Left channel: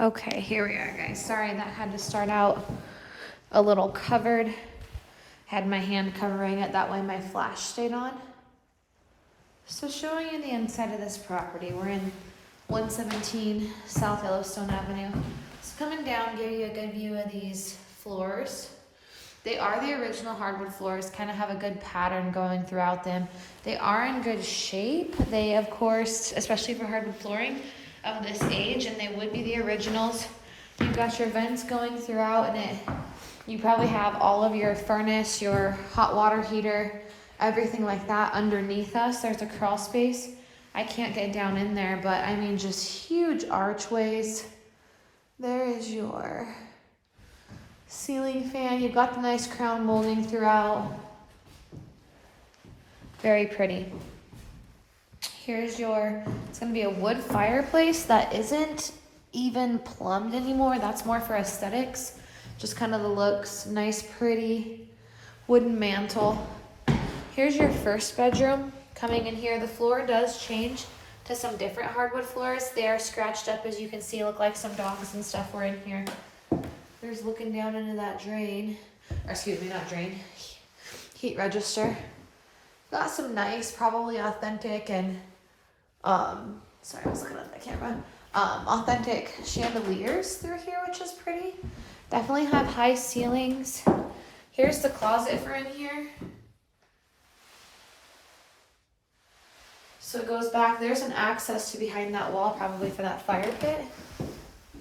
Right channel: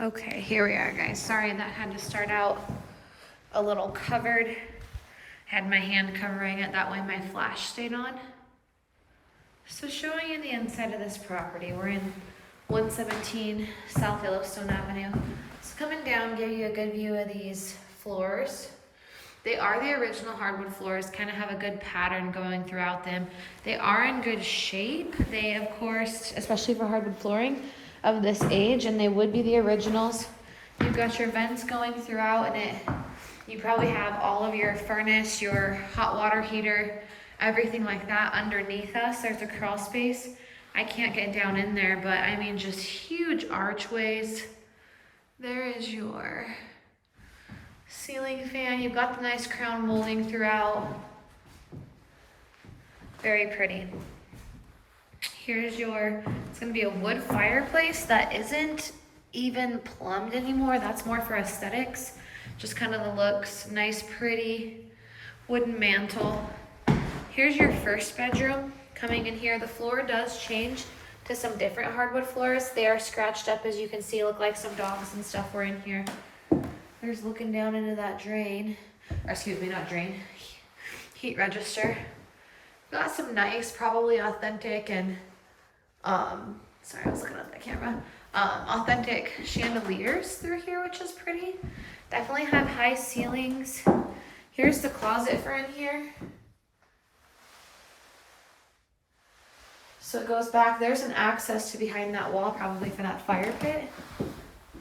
Okay, here we are, guys. Sorry that had to start out a little covered. Had my hand covering it, that way my flash stayed on. So showing you the inside of this property, we're in 117 South Yellowstone Avenue. So coming down, give you a good view of these floors. They are the original hardwood floors, kind of have a good pattern going throughout them. They are in good shape. They, of course, especially for hardwood flooring of this age, and they would be the originals. You've got your vents going throughout, and you probably have all of your furnace, your hot water heater, everything like that underneath us. There's a crawl space. I can't get down in there, but I mean just huge archways. There is your ceiling fan. You've got the nice crown molding throughout. Very pretty. Here's it's gonna be a wood fireplace that isn't even plumbed anymore. That's more for aesthetics. Just kind of the looks, nice, pretty wooden mantle. Here's your first bedroom. Coming in here, the floor does change to some different hardwood floors. They are scratched up, as you can see, look like some dogs and stuff were in here. There's looking down into that drain, or excuse me, not drain, heat register. Got some nice, probably authentic and, sorry, I was looking at the camera. Authentic chandeliers through here, which is pretty. Definitely have high ceilings. Here's the closet for in here. So it goes back, there's an access to behind that wall, probably for that fire pit.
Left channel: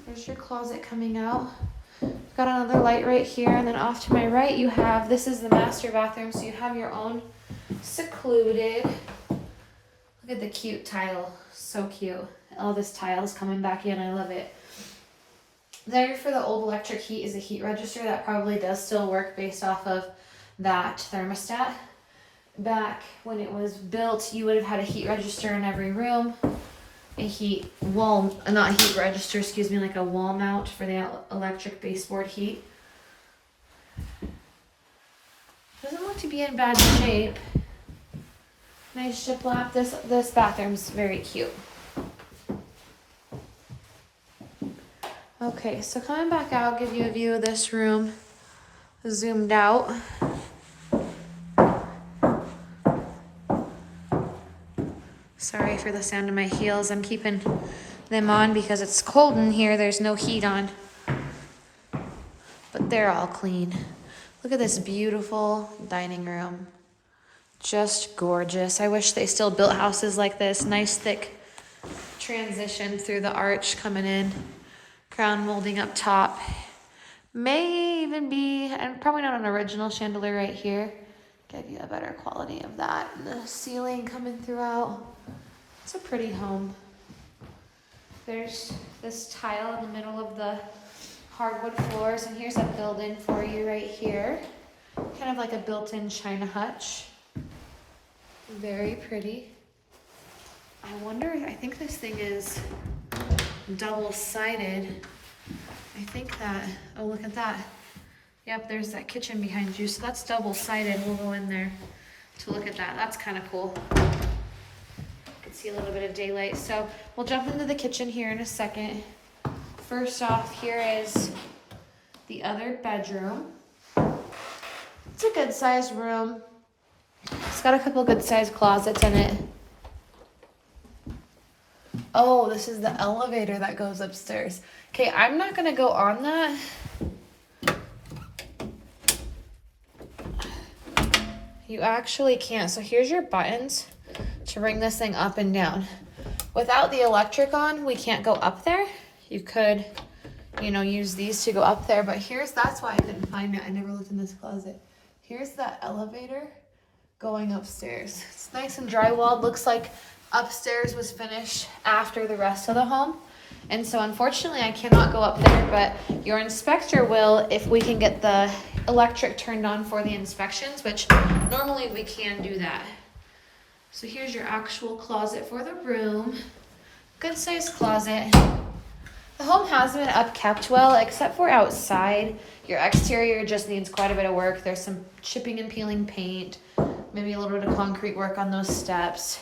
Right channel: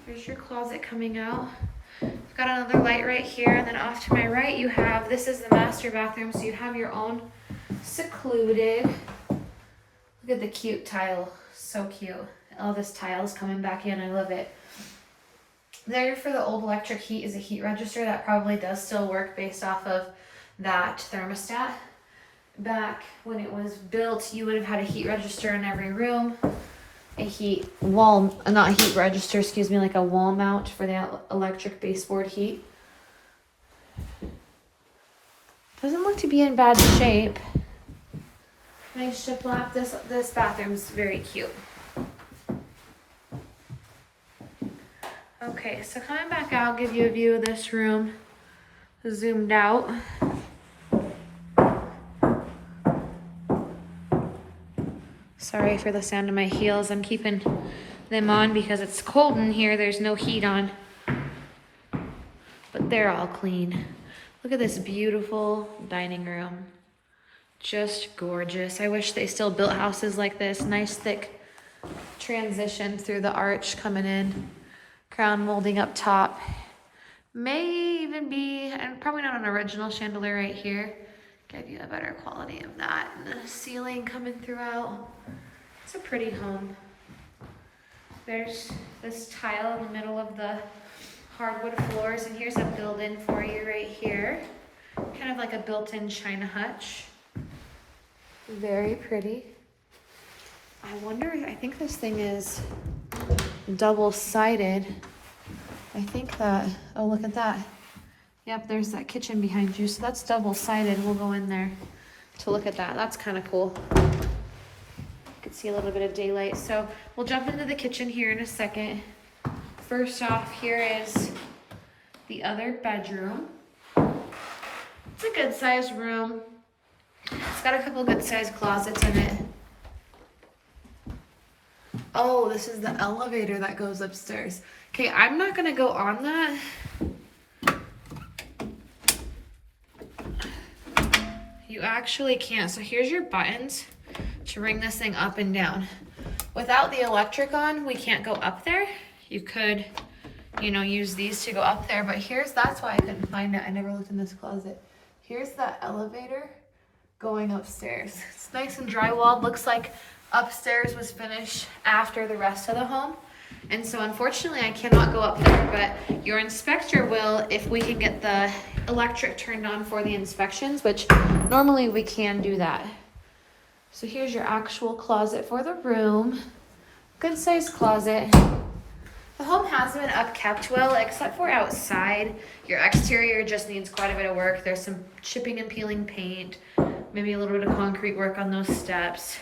There's your closet coming out. You've got another light right here, and then off to my right you have, this is the master bathroom, so you have your own secluded. Look at the cute tile, so cute. All this tile is coming back in, I love it. There for the old electric heat is a heat register that probably does still work based off of that thermostat. Back when it was built, you would have had a heat register in every room. A heat wall, not heat register, excuse me, like a wall mount for the electric baseboard heat. Doesn't look to be in bad shape. Nice shiplap. This bathroom's very cute. Okay, so coming back out, I'll give you a view of this room, zoomed out. Sorry for the sound of my heels. I'm keeping them on because it's cold in here. There's no heat on. But they're all clean. Look at this beautiful dining room. Just gorgeous. I wish they still built houses like this. Nice thick transition through the arch coming in. Crown molding up top. May even be, and probably not an original chandelier right here. Give you a better quality of that. And the ceiling coming throughout. It's a pretty home. There's this tile in the middle of the hardwood floors, and here's a built-in for you right here. Kind of like a built-in china hutch. Very pretty. I wonder, I think this thing is double-sided. I think that, oh, look at that. Yep, there's that kitchen behind you. So that's double-sided. We'll go in there to look at that. That's kind of cool. You can see a little bit of daylight. So we'll jump into the kitchen here in a second. First off, here is the other bedroom. It's a good-sized room. It's got a couple good-sized closets in it. Oh, this is the elevator that goes upstairs. Okay, I'm not gonna go on that. You actually can't. So here's your buttons to bring this thing up and down. Without the electric on, we can't go up there. You could, use these to go up there, but that's why I couldn't find it. I never looked in this closet. Here's that elevator going upstairs. It's nice and drywalled. Looks like upstairs was finished after the rest of the home. And so unfortunately I cannot go up there, but your inspector will if we can get the electric turned on for the inspections, which normally we can do that. So here's your actual closet for the room. Good sized closet. The home has been upkept well, except for outside. Your exterior just needs quite a bit of work. There's some chipping and peeling paint, maybe a little bit of concrete work on those steps.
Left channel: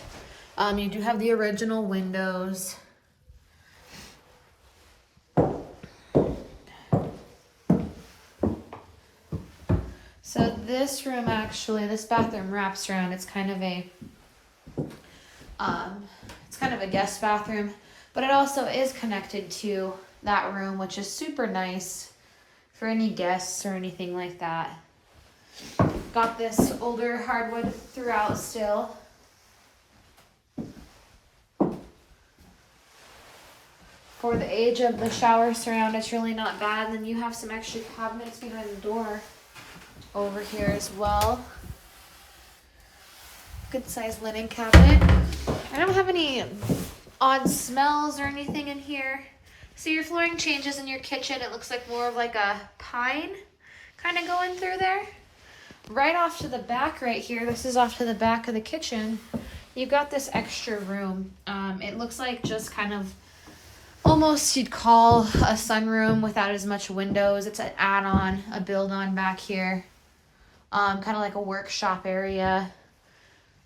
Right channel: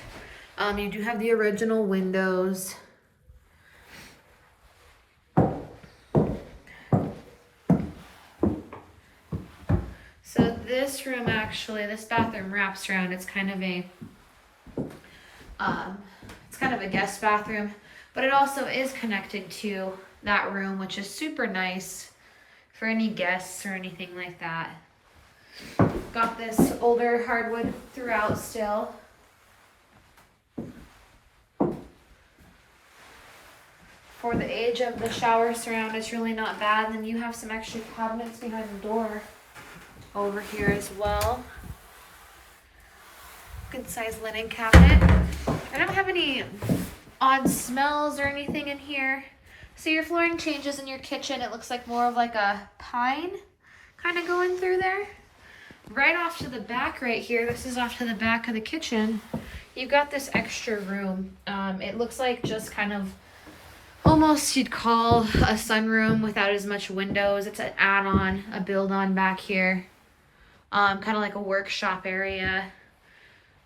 You do have the original windows. So this room actually, this bathroom wraps around. It's kind of a guest bathroom, but it also is connected to that room, which is super nice for any guests or anything like that. Got this older hardwood throughout still. For the age of the shower surround, it's really not bad. And then you have some extra cabinets behind the door over here as well. Good sized linen cabinet. I don't have any odd smells or anything in here. So your flooring changes in your kitchen. It looks like more of like a pine kind of going through there. Right off to the back right here, this is off to the back of the kitchen, you've got this extra room. It looks like just kind of almost you'd call a sunroom without as much windows. It's an add-on, a build-on back here. Kind of like a workshop area,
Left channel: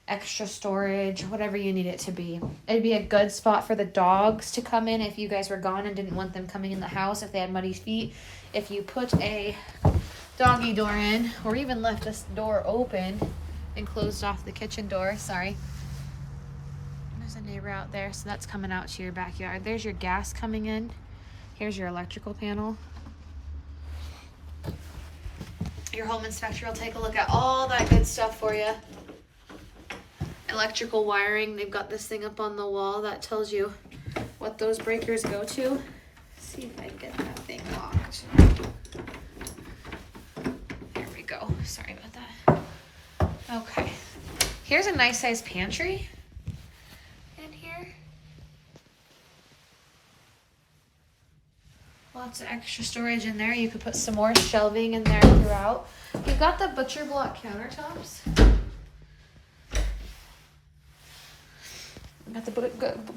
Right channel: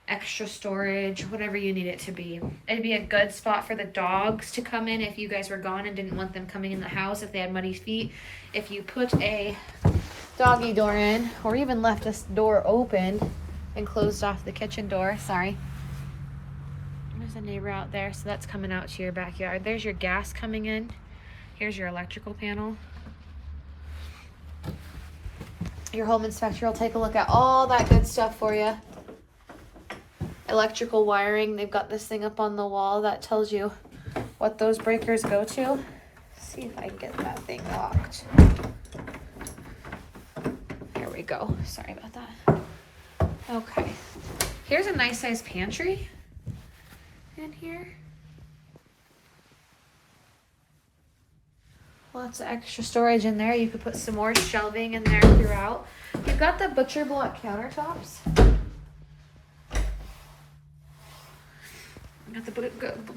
extra storage, whatever you need it to be. It'd be a good spot for the dogs to come in if you guys were gone and didn't want them coming in the house if they had muddy feet. If you put a doggy door in, or even left this door open and closed off the kitchen door, sorry. There's a neighbor out there, so that's coming out to your backyard. There's your gas coming in. Here's your electrical panel. Your home inspector will take a look at all that good stuff for you. Electrical wiring, they've got this thing up on the wall that tells you what those breakers go to. Let's see if I can get that thing locked. There we go. Sorry about that. Okay. Here's a nice size pantry in here. Lots of extra storage in there. You could put some more shelving in there throughout. You've got the butcher block countertops. Got the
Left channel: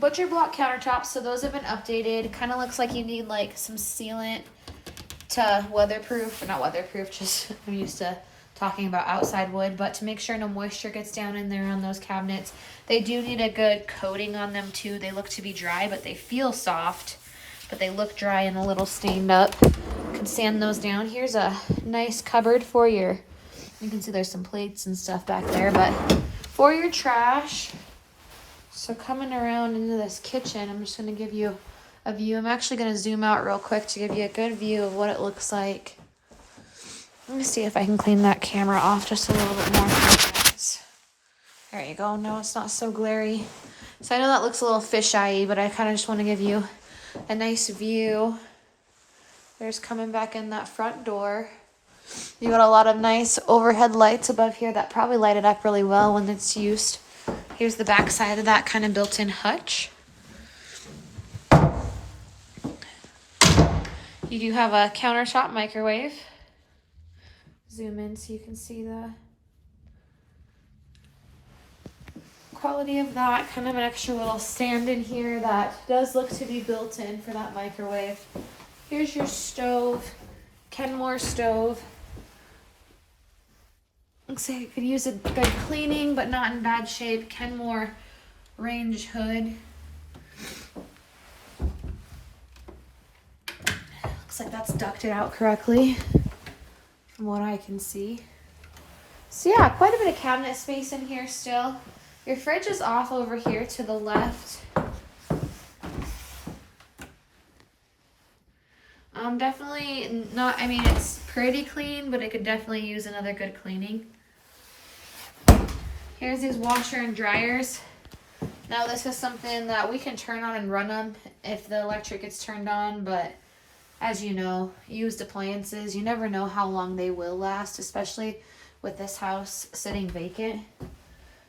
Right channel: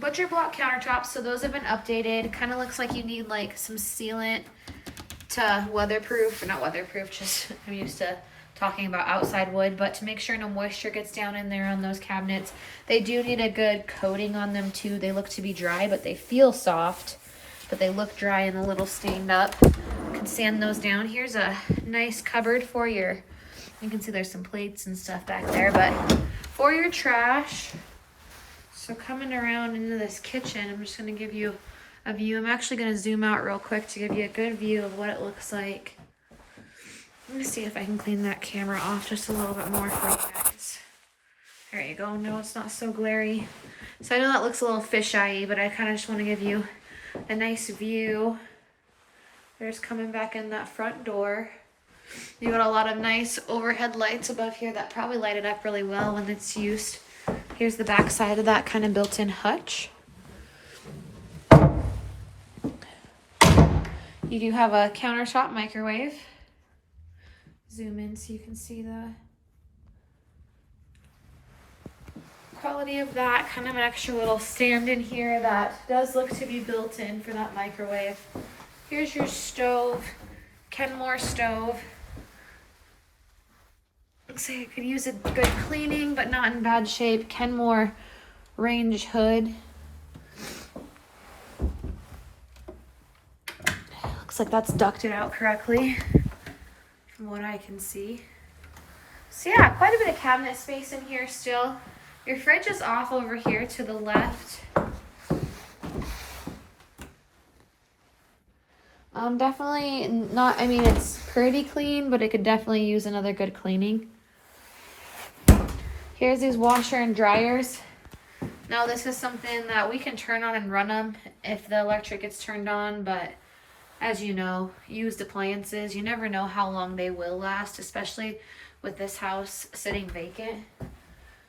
butcher block countertops, so those have been updated. Kind of looks like you need like some sealant to weatherproof, or not weatherproof, just I'm used to talking about outside wood, but to make sure no moisture gets down in there on those cabinets. They do need a good coating on them too. They look to be dry, but they feel soft, but they look dry and a little stained up. You can sand those down. Here's a nice cupboard for you can see there's some plates and stuff back there, but for your trash. So coming around into this kitchen, I'm just going to give you a view. I'm actually going to zoom out real quick to give you a good view of what it looks like. Let me see if I can clean that camera off just a little bit more for you guys. There you go. No, it's not so glary. So I know that looks a little fisheye, but I kind of just want to give you a nice view. There's coming back in that front door. You got a lot of nice overhead lights above here that probably light it up really well when it's used. Here's the back side of that kind of built-in hutch. You do have a countertop microwave. Zoom in so you can see the quality of that. Kind of an extra little stand in here that does look to be built in for that microwave. Here's your stove, Kenmore stove. Looks like it could use a good cleaning, but not in bad shape. Kenmore range hood. Looks like that's ducted out correctly from what I can see. So yeah, quite a bit of cabinet space in here still. Your fridge is off over here to the left. Definitely not, I mean, it's pretty clean, but it could definitely use another good cleaning. Here's these washer and dryers. Now this is something that we can turn on and run them if the electric gets turned on, but as you know, used appliances, you never know how long they will last, especially with this house sitting vacant.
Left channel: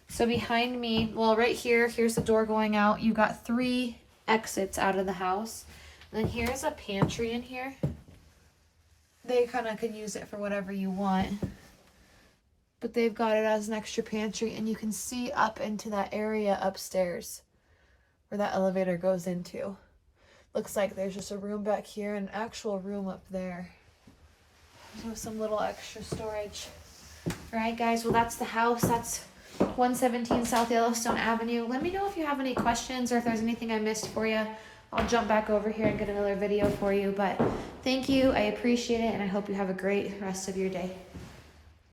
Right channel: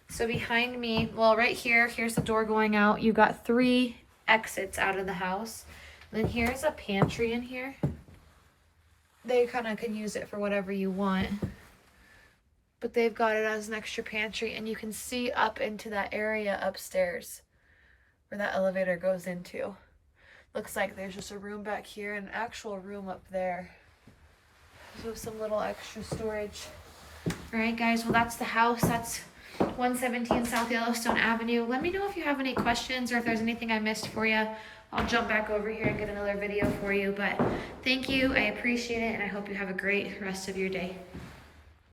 So behind me, well, right here, here's the door going out. You've got 3 exits out of the house. Then here's a pantry in here. They kind of can use it for whatever you want. But they've got it as an extra pantry, and you can see up into that area upstairs where that elevator goes into. Looks like there's just a room back here and an actual room up there. So some little extra storage. All right, guys, well, that's the house. That's 117 South Yellowstone Avenue. Let me know if you have any questions or if there's anything I missed for you. I'll jump back over here and get another video for you. But thank you. I appreciate it, and I hope you have a great rest of your day.